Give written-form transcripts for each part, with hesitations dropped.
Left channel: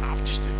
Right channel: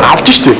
Авч штэ.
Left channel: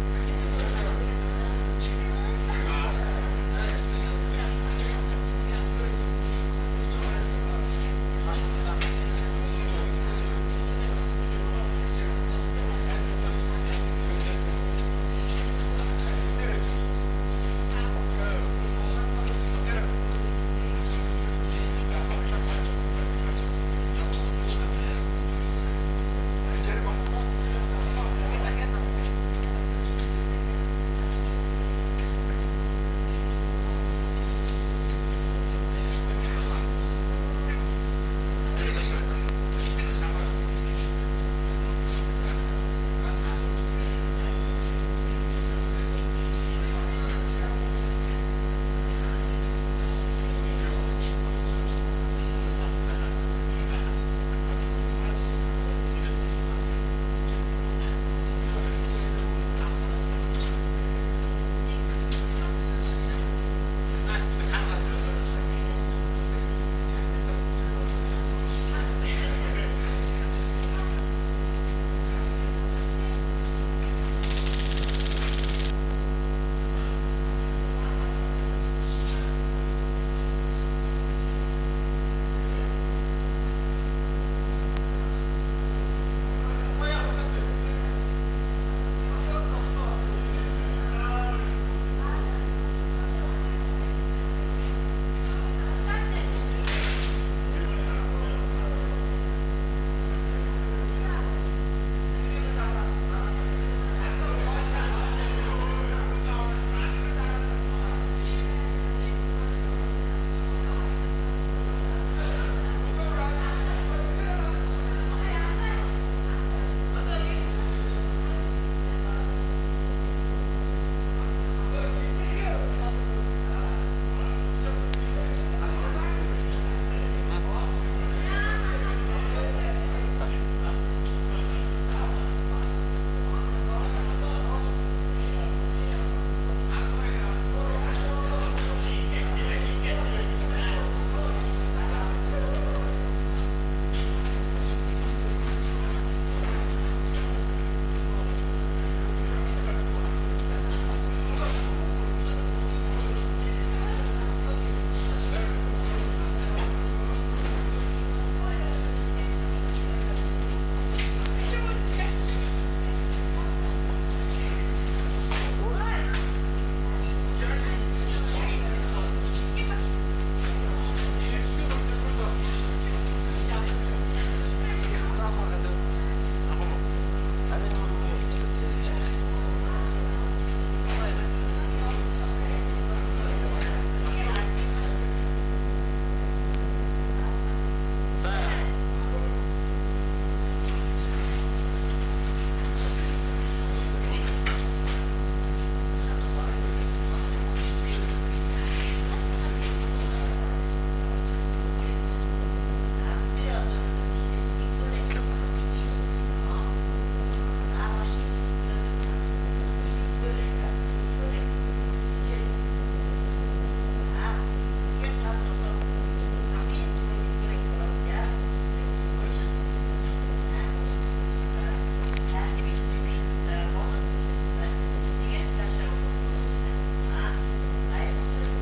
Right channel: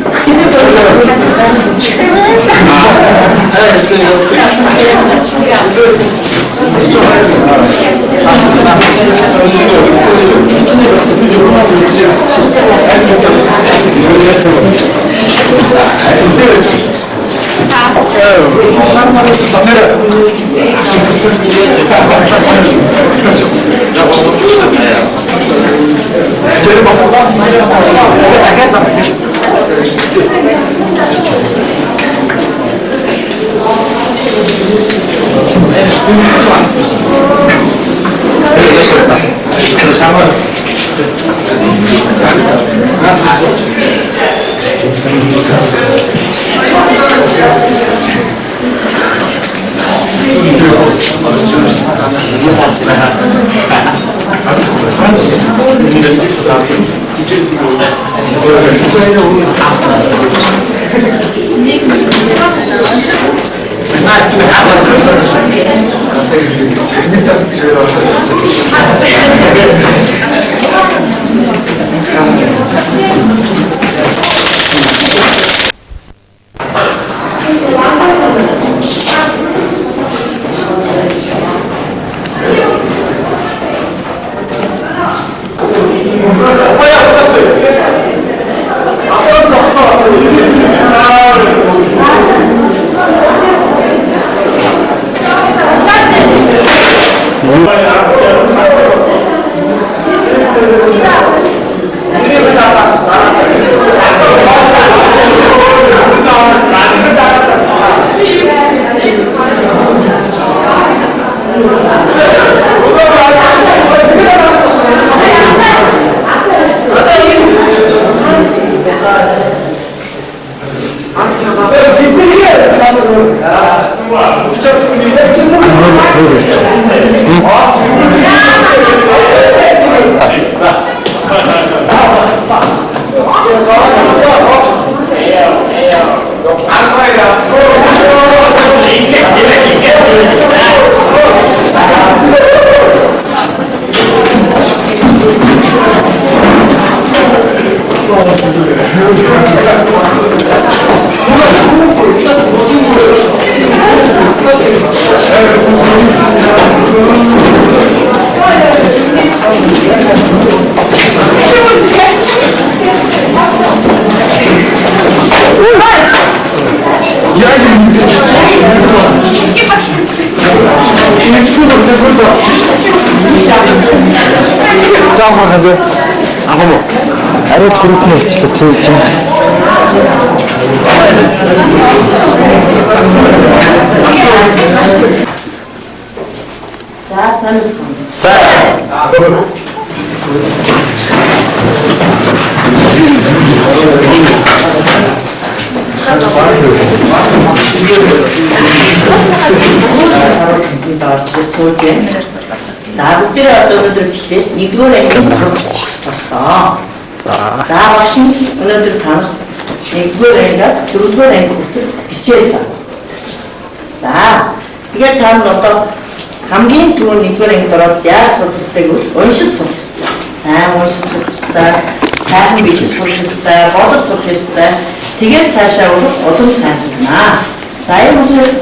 Тэгээд цаашаа улам сайн сурнаа. За энэ учраас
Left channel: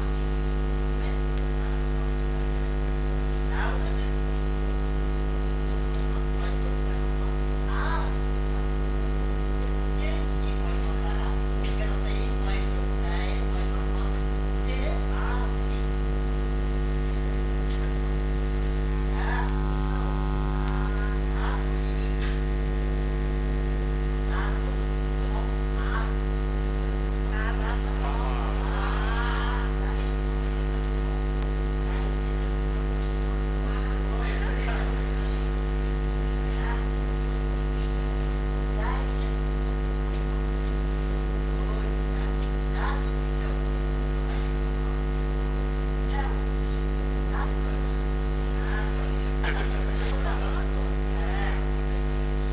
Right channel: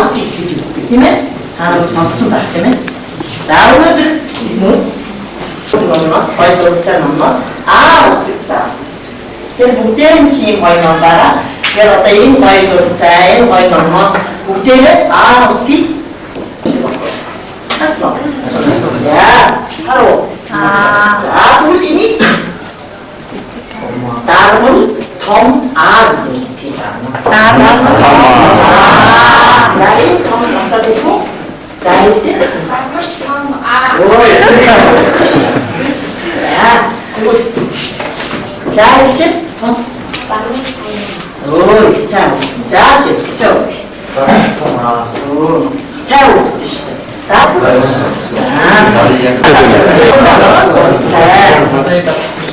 усыг хэлж үздэг тийм ээ. Та нар сонссон байх тийм ээ. За өнөөдөр номноос хоёр зурагтай номноос усыг заа. Тэр бүгдээр чинь гоё ном байгаа. Тэр одоо энэ гоё зурагтай энэ гоё номноос бүгдээр усыг асуу. За харуу. За тэгвэл энийг дарамт Tom R. Tom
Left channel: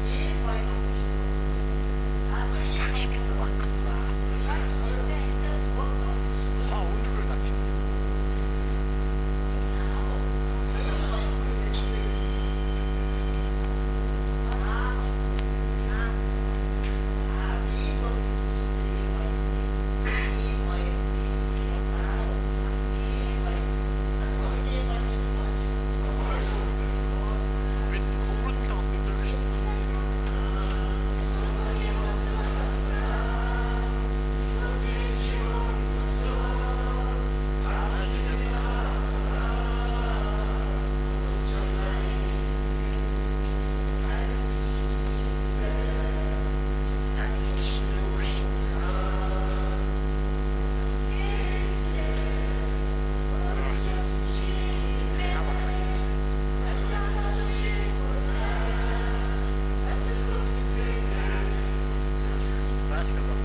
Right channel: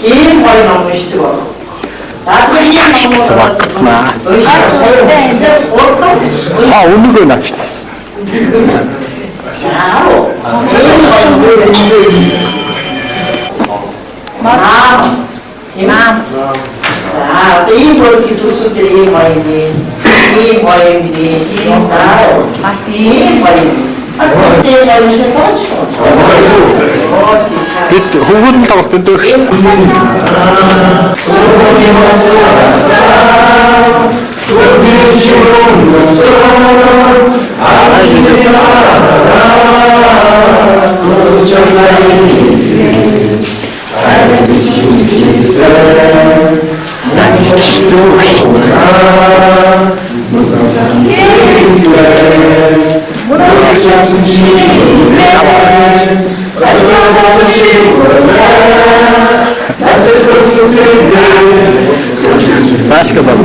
ийм гоё ном уншдаг бол. Наадмын ийм ном өнөөгөө наач. Имам. За, ийм бол төсөвдөр ийм гоё юм. Ийм гоё юм. За, бас ийм гоё юм. Асуултыг авчихсан тооцсон. Бид хөвгүүд нь тоглолт энэ дөрөв шүү Basketball.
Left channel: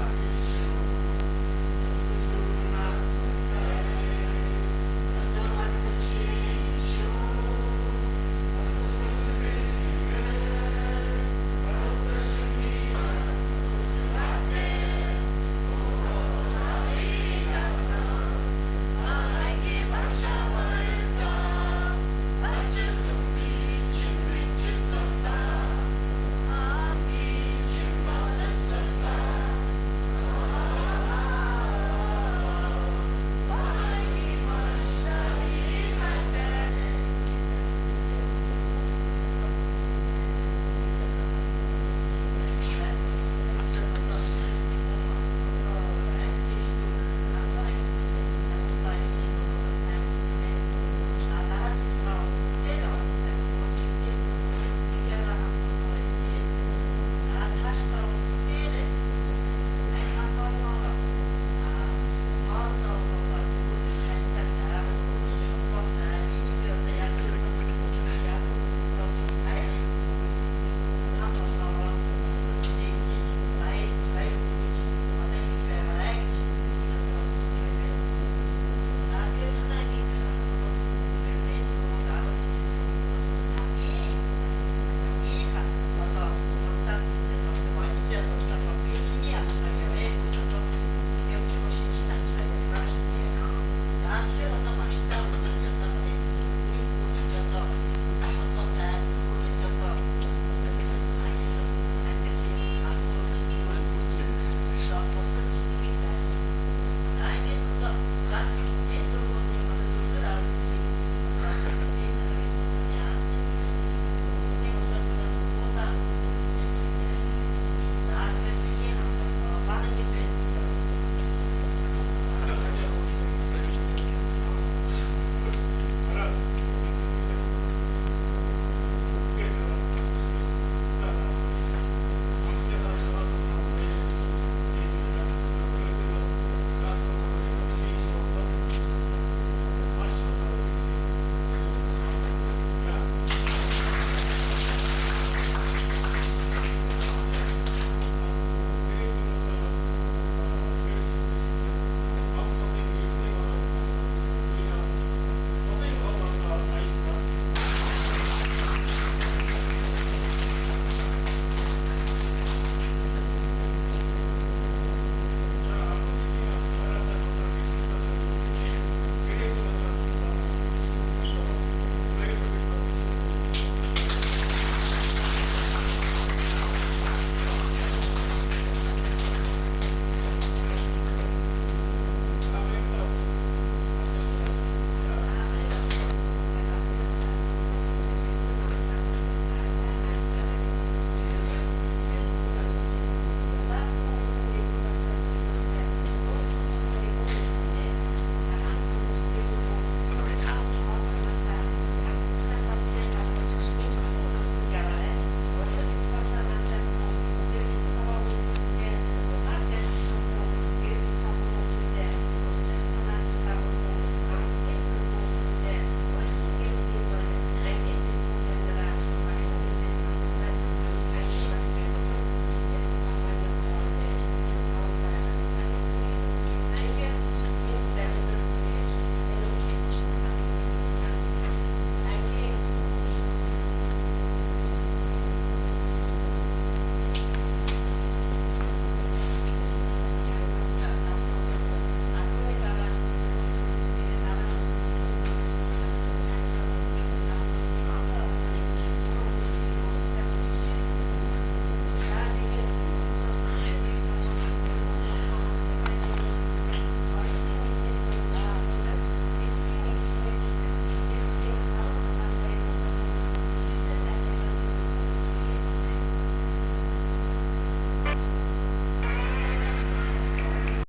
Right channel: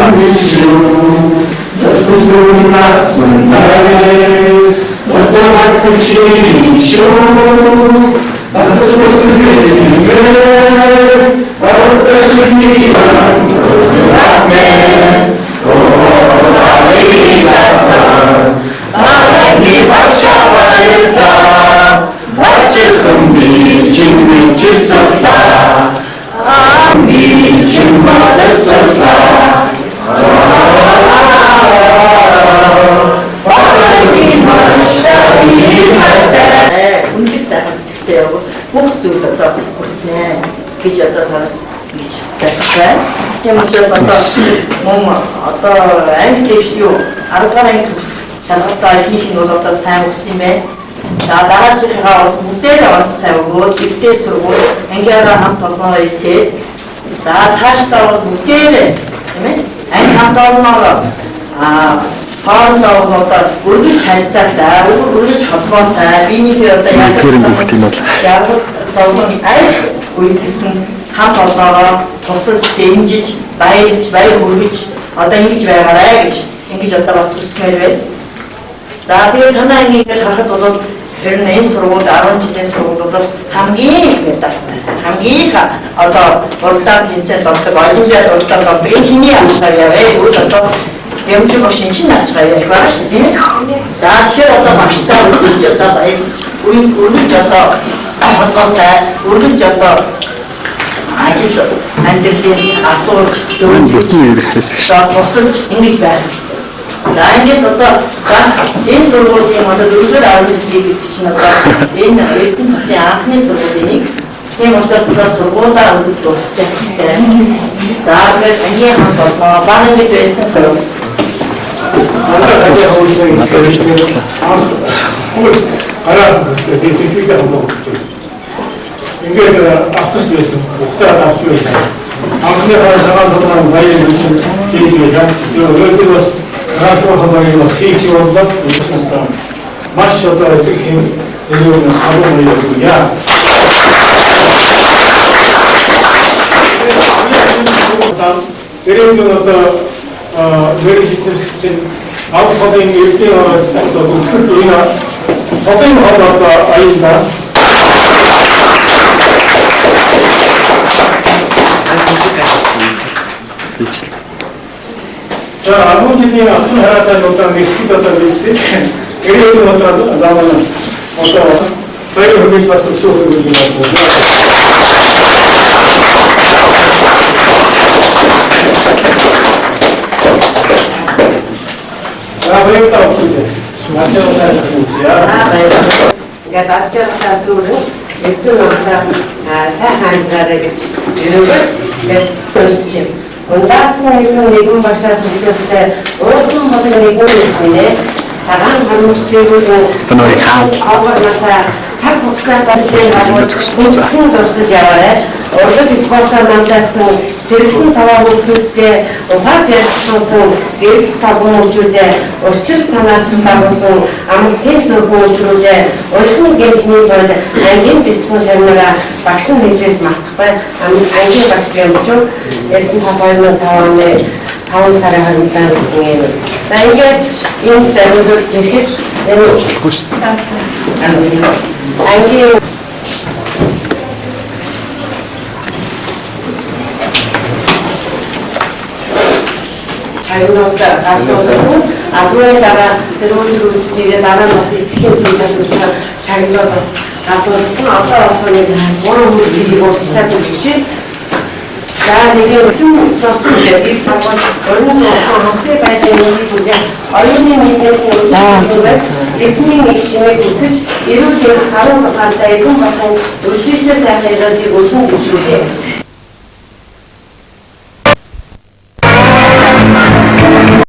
Бүх зүйл одоо хүртнэ гэж одоо гэж захиалсан. Тийм учраас одоо анги дэвш юу 10 гаруй анги төгс шалгалтаа ихнийх нь бол одоо сайн өгсөн юм байна. За дараачихгаа бол бүгдээр аваад сайн өгөөд дэвтээ сургууль ангиараа хамт олноо ийсээ. За цаашдаа бол бүгдээр тийм ээ анги хамт олноо хоорондоо одоо өргөж харьцаатай, өргөж холбоотой, биенийхээ одоо яг зовлон айж үйдсэн хамт олноороо тусалж, дэмжиж, баярлж, баяр хүргэж одоо ингэж байгаарай гэж одоо бас хүсмээр байна. За тэгээд танай ингээд харахад бол тэр нь энэ сургууль 10 жилийн сургуулиудаас хамгийн их медальтай. Хамгийн одоо урдаа тэнцээд болдог, олимпиад урдаа болдог. Энэ хэний авчгаар яваа. Үйл одоо Ямжиг машин чинь ачгаа яг байгаа шүү дээ. За тэгэхээр одоо багштай үргэлж одоо үргэлж одоо холбоотой үргэлж одоо ажил амьдралын асуулт зөвхөн тусалж ингэж байх. За ингээд одоо бас энэ сургуулийн одоо дөрөвдөр авралыг чинь одоо энэ эрдэнэ хотын анхны сургуулийн нэг. Тийм учраас одоо сургуулаа үргэлж дуусчихсан. За ингээд ангийн хамт болоо баг ингэж байсан хэрэг. Ингээд авцсан байсан. Ухтаад авч байсан. Анхны хаалгаар дотор баяр хийлээ. Тэгээд бас раадуу хамаагийн бас хийх болдог. Маш одоо эцэг хэм энэ салуу яа. Тэрийн одоо мэрэг хийсэн авсходын эрдний одоо зөвхөн энэ хотын одоо аюулда за амуугийн автон хараасаа одоо нэсгэд одоо биз тэрийн одоо заман одоо баяр хүргэж бас өчөөр юм байна. Ингээд ачаалтаа түрүү эцэг удаа сайн хандгаараа гэж ирээд бэстэрч. Ундаас нэгэн багшаас хэлжээ уусан болон нэгэн нэ цагаан хамтыг Тэнүүрийг хаан аваасаа цаг хугацаанд хүнсхэн дурсаж яваарай. Урлаг спортоор намдаасан сэргэлэн цаваа хүмүүстэй ухааж ярьсан гэрэл тавгуучуудаа учир санаашин байгуулсан амралтын зөвхөн өдрүүдэд урьдчилан гэрхний тулд ангийн бяцхан шарнараа багш нь хийсээс мартахгүй ангийн багш гэмжүү эрдэнэ 2005 оны 5 сарын 27-нд гэсэн юм. За ингээд энэ даруйд зэрэг энэ ангийн шагнуулсан галтуулсан. Түүний дараа тэр өдөр үзчихээ дараа нь бас эцгийн зүйлээс үүсгэн шагнуулсан галтуулсан. Одоо болохны гурван хүнийг уулзтаад өгчих. За нэг юм тоосон дээр таван өрнөд хөхтэй байдлын үеийн оюуны нийгмийн үйлчлэгээс эхний нэг шимээ бүтэж эрүүл хэвс 16 даяган болон үлдээтэй сайхан хэрэглийг өргөн гүйцэтгэв.